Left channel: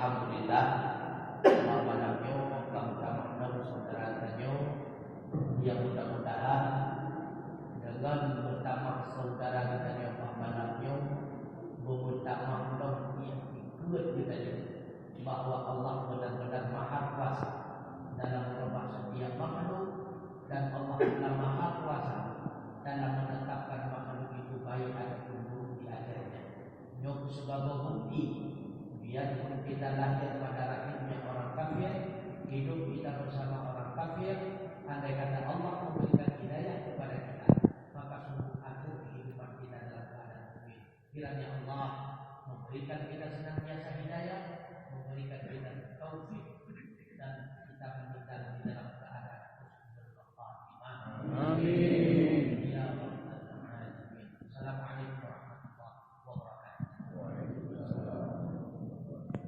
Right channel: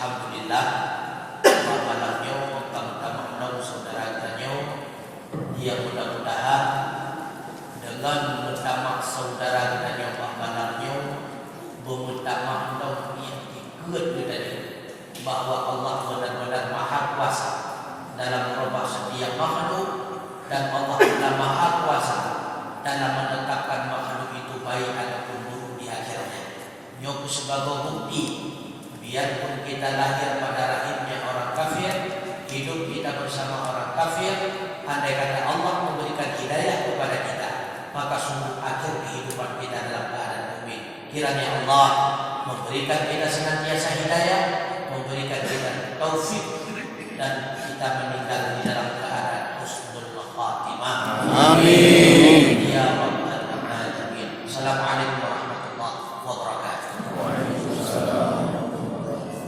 Alhamdulillah malamnya utama-utama saudara tanya yang mudah-mudahan dengan utama saudara tanya malamnya berutama yang ikut tadi bahwa Allah benar-benar maha kuasa dalam merubah setiap makhluk dan Allah adalah maha kuasa dalam menetapkan makhluk itu baik ataupun buruk di akhirnya. Nyoku sebagai bukti, biarpun kita lahir pada rahimnya orang kafir, hidup kita bersama orang kafir, andai kata Allah memberikan hidayah kepada kita, maka sungguh akhir kehidupan kita dalam keadaan mukmin. Kiranya Allah memberikan kita senantiasa hidayah, memberikan kita taufik, dan kita meninggal di dalam keadaan husnul khatimah. Amin. Ya Rabbal alamin. Assalamualaikum warahmatullahi wabarakatuh.